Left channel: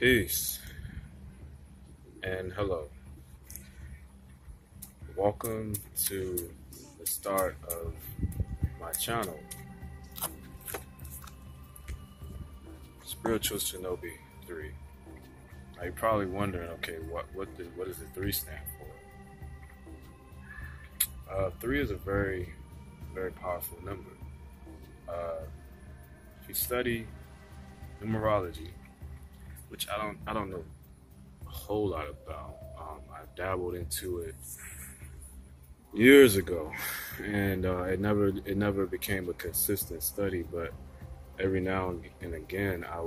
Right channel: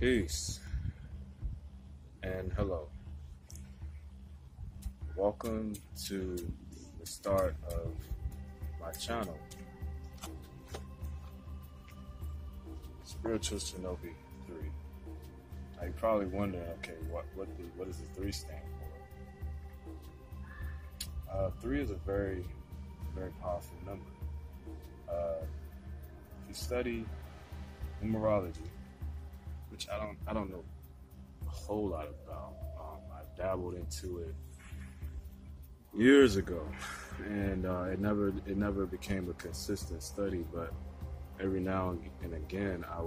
Peace and hello. Welcome to the start of my channel, Spiritual Shinobi 3. Now you're probably wondering, okay, what does the 3 stand for? 3 is a very, very powerful number. If you study numerology, which I don't know a whole lot about. I dabbled into it years ago, and it never became a consistent study. But every now and again, I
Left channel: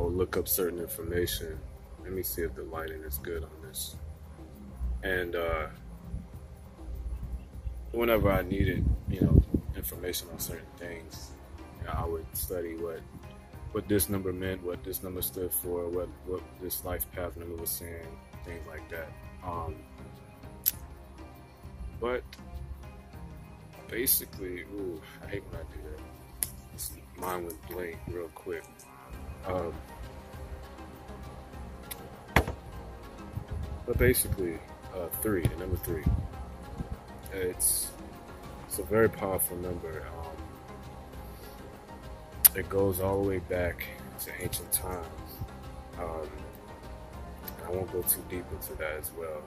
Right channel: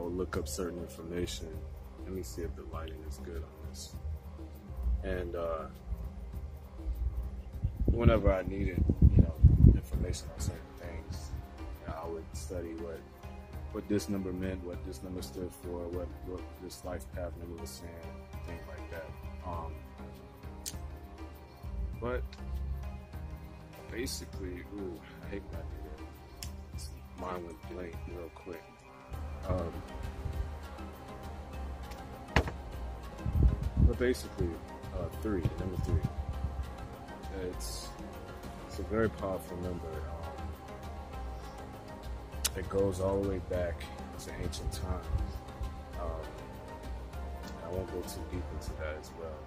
would look up certain information. Let me see if the lighting is good on this. And whenever I needed, information on certain things, I would study what this number meant, what this number stood for, what this life path number was saying, things like that. But basically, this line was blank real quick. But basically, number 3. It's a very powerful number. It goes all the way back to ancient times. I won't go too deep into that as well.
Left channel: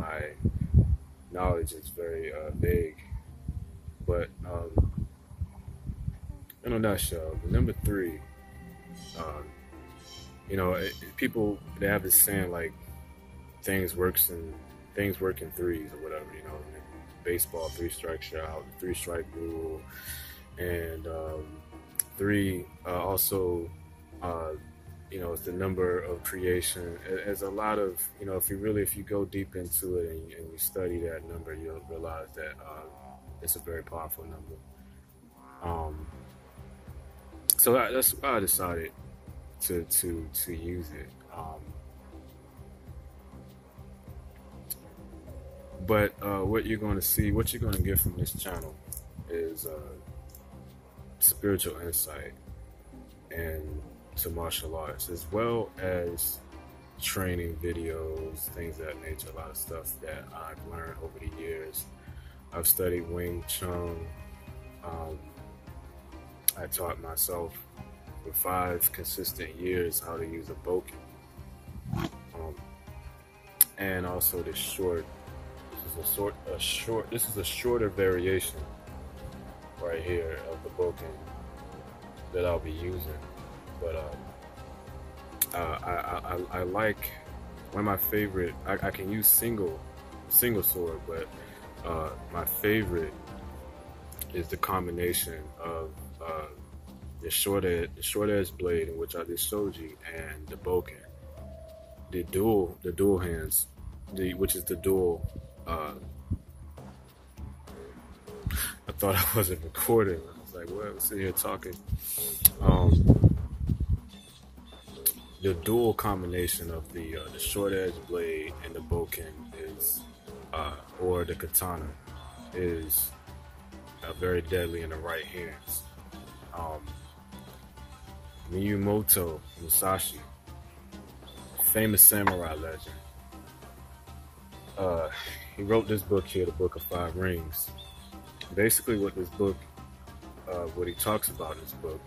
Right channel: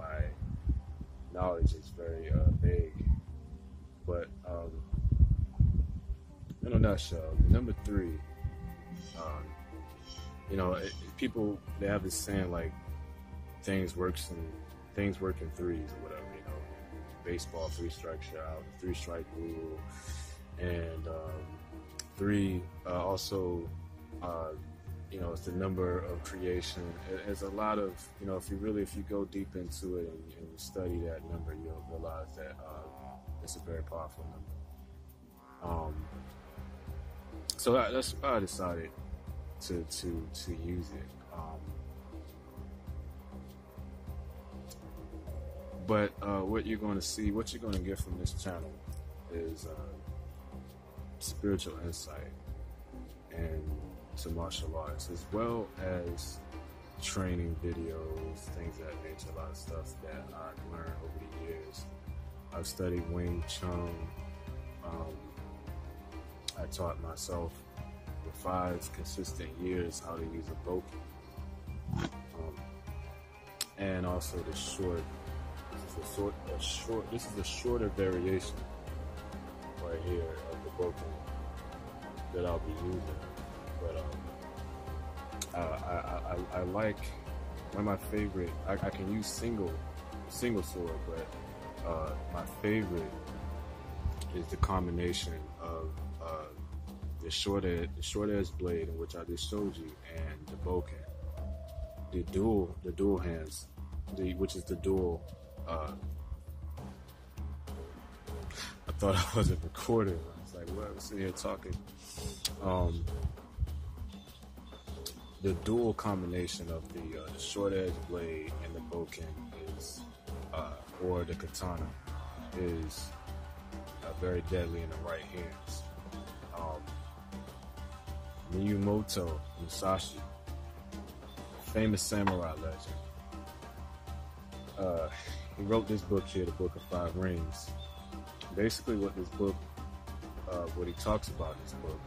My knowledge is very vague, but in a nutshell, number 3. People they have this saying like things work in threes or whatever. In baseball, 3 strikes you're out, 3 strike rule. And 3 also, is the number of creation. There's a lot of, if you go deep into it and you study that number, you'll realize that it's a very powerful number. So that's why I decided to use it. But what you're going to see, what you're going to get from this channel is spiritual insight and to martial arts, as well as training videos, things of that nature, a lot of stuff that I've learned over the years. I've studied Wing Chun. I taught myself for 5 consistent years how to use a boken. And also this this is a shorter variation right here of the boken that I'll be using. But I like one of my favorite. I can use single sword, but my favorite is the combination of the short edge blade, in which I just showed you, and the boken, the dual hands, which is the dual. I thought I wasn't recording. I was like, well, I'm sitting here talking. The dual combination of the short edge blade and the boken is, or the katana, is very deadly in the right hands. Miyamoto Musashi, famous samurai legend. He wrote this book here, the Book of 5 Rings. Basically, what this book, what he talks about in this book,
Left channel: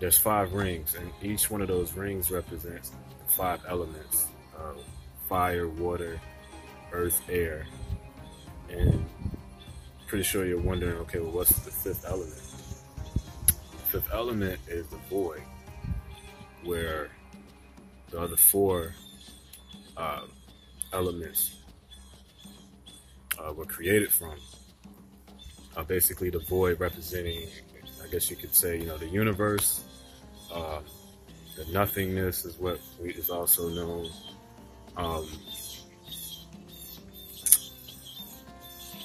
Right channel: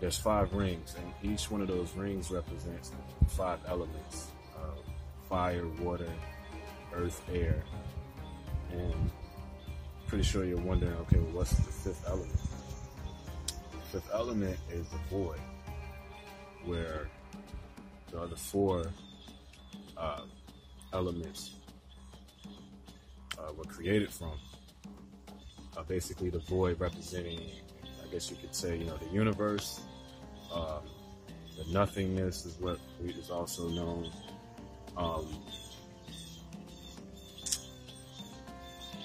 there's 5 rings, and each one of those rings represents 5 elements: fire, water, earth, air. And pretty sure you're wondering, okay, well, what's the 5th element? The 5th element is the void, where the other 4 elements were created from. Basically, the void representing, I guess you could say, the universe. The nothingness is what is also known.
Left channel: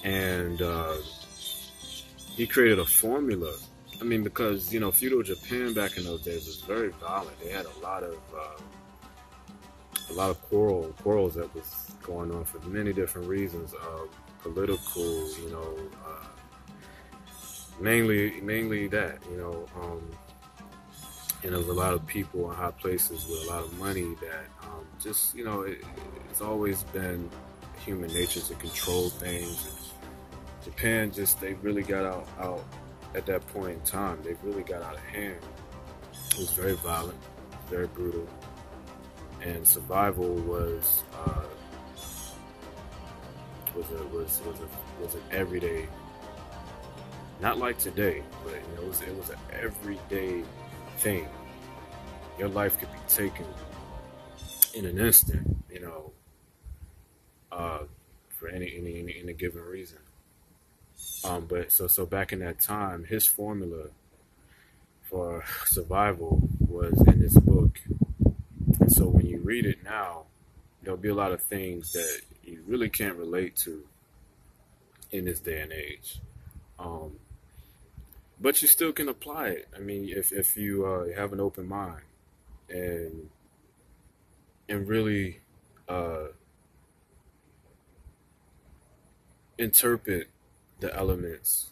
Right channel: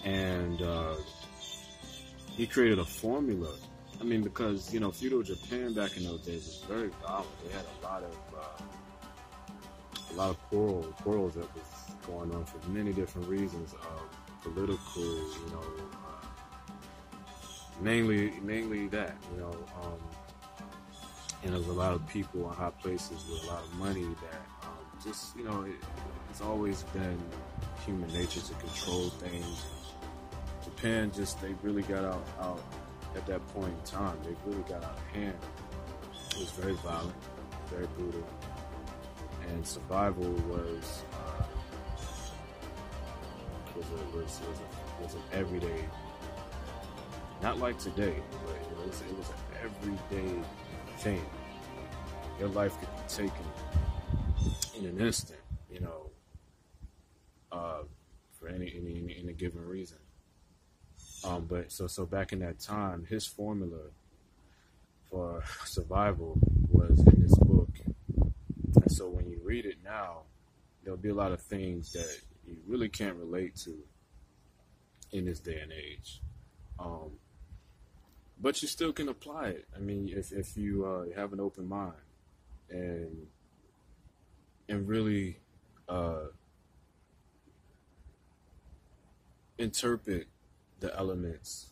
And he created a formula. I mean, because feudal Japan back in those days was very violent. They had a lot of quarrels that was going on for many different reasons. Political, mainly that. and there's a lot of people in high places with a lot of money that just, it's always been human nature to control things. Japan they really got out at that point in time. They really got out of hand. It was very violent, very brutal, and survival was an everyday, not like today, but it was an everyday thing. Your life could be taken in an instant, for any given reason. But so back in that time, his formula for survival was in his book. And so when you read it now, there'll be a lot of things that you really can't relate to in this day and age. But you still can apply it. I mean, if you have an open mind and really interpret the elements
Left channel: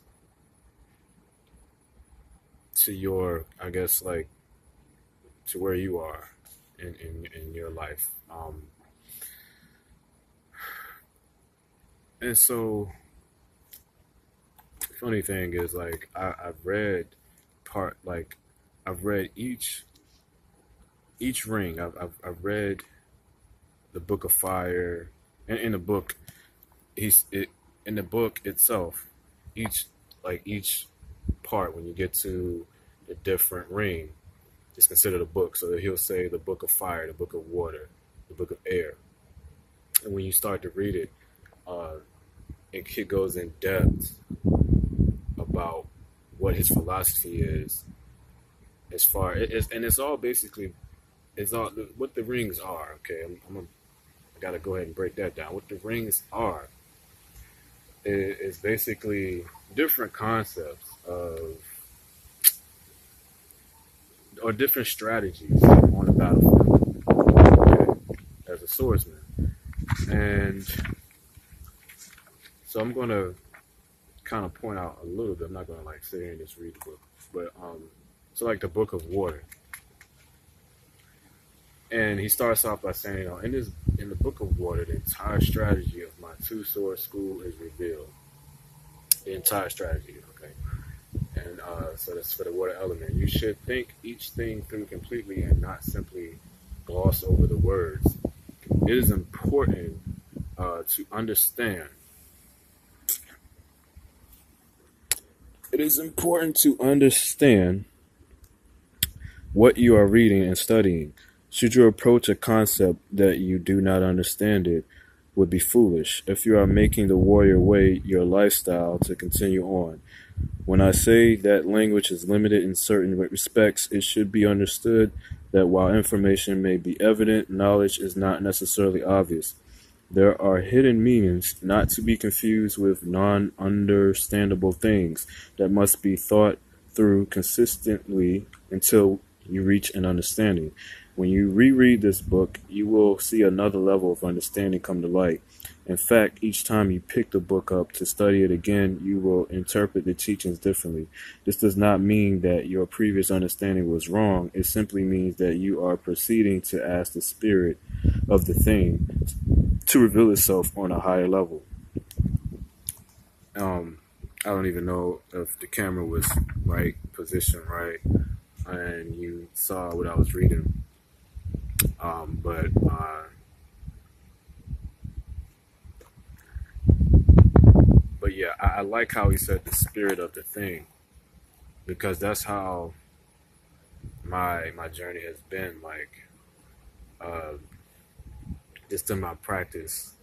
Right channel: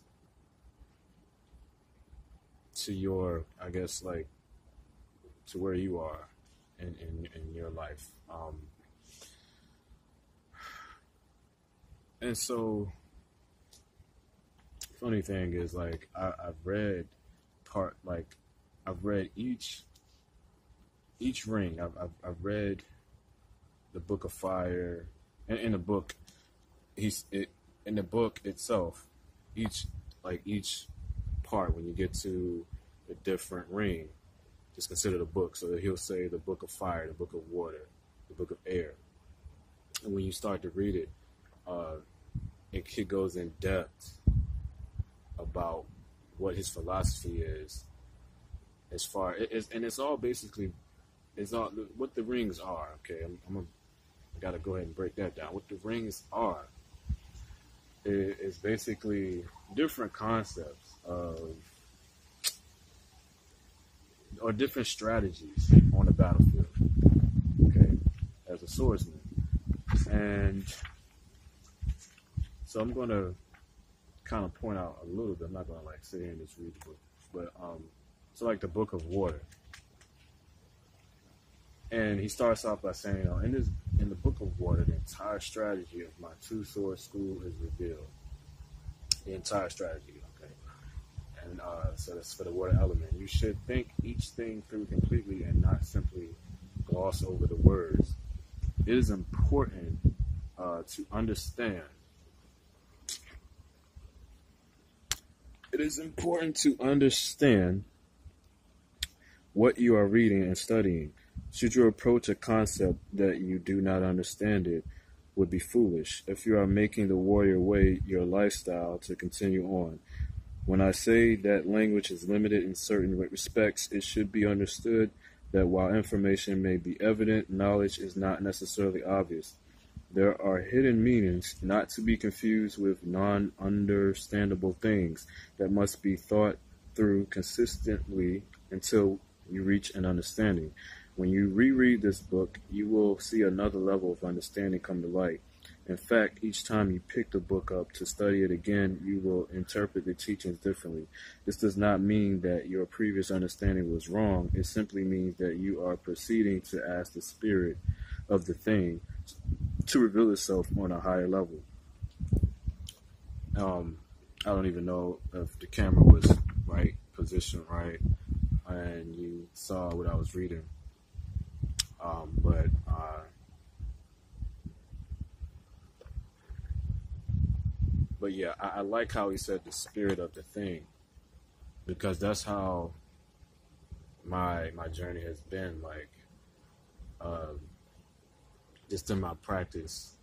to your, I guess, like, to where you are in your life. And so, the funny thing is, like, I've read each ring. I've read the Book of Fire. In the book, in the book itself, each part, when you get to the different ring, is considered a book. So he'll say the Book of Fire, the Book of Water, the Book of Air. And when you start to read it, it goes in depth about what his philosophy is, as far as, and it's all basically, what the rings are. Okay, I gotta go ahead and break that down. What the rings are is basically different concepts or different strategies on the battlefield, okay, as a swordsman. And so I'm going to kind of point out a little bit. I'm not going to sit here and just read the book, but so like the Book of Water, and he starts off by saying, in the Book of Water, the entire strategy of my two-sword school is revealed. The entire strategy, okay? And so that's for the water element. You should think each thing through completely and not simply gloss over the words. It is important to understand. It is important to understand what you are reading and studying. Should you approach a concept that you do not understand, it would be foolish if you are making the warrior way your lifestyle to continue on. When I say that language is limited in certain respects, it should be understood that while information may be evident, knowledge is not necessarily obvious. There are hidden meanings, not to be confused with non-understandable things, that must be thought through consistently until you reach an understanding. When you reread this book, you will see another level of understanding come to light. In fact, each time you pick the book up to study it again, you will interpret the teachings differently. This does not mean that your previous understanding was wrong. It simply means that you are proceeding to ask the spirit of the thing to reveal itself on a higher level. I don't even know if the camera was right, positioned right, and you saw what I was reading. But yeah, I like how he said the spirit of the thing, because that's how my journey has been. Just in my practice,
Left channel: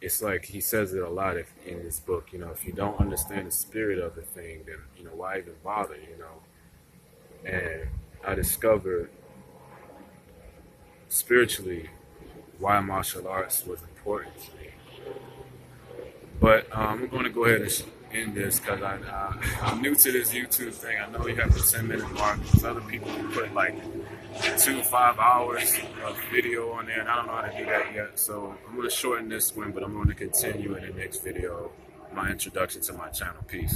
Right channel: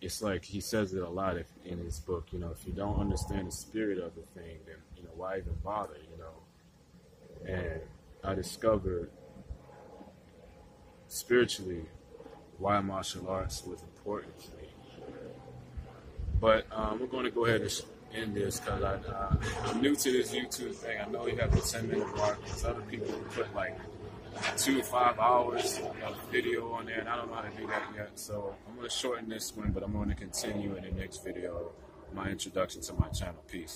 it's like he says it a lot in this book. If you don't understand the spirit of the thing, then why even bother? And I discovered spiritually why martial arts was important to me. But I'm going to go ahead and end this because I'm new to this YouTube thing. I know we have the 10-minute mark. There's other people who put 2 to 5 hours of video on there, and I don't know how to do that yet. So I'm going to shorten this one, but I'm going to continue in the next video, my introduction to my channel. Peace.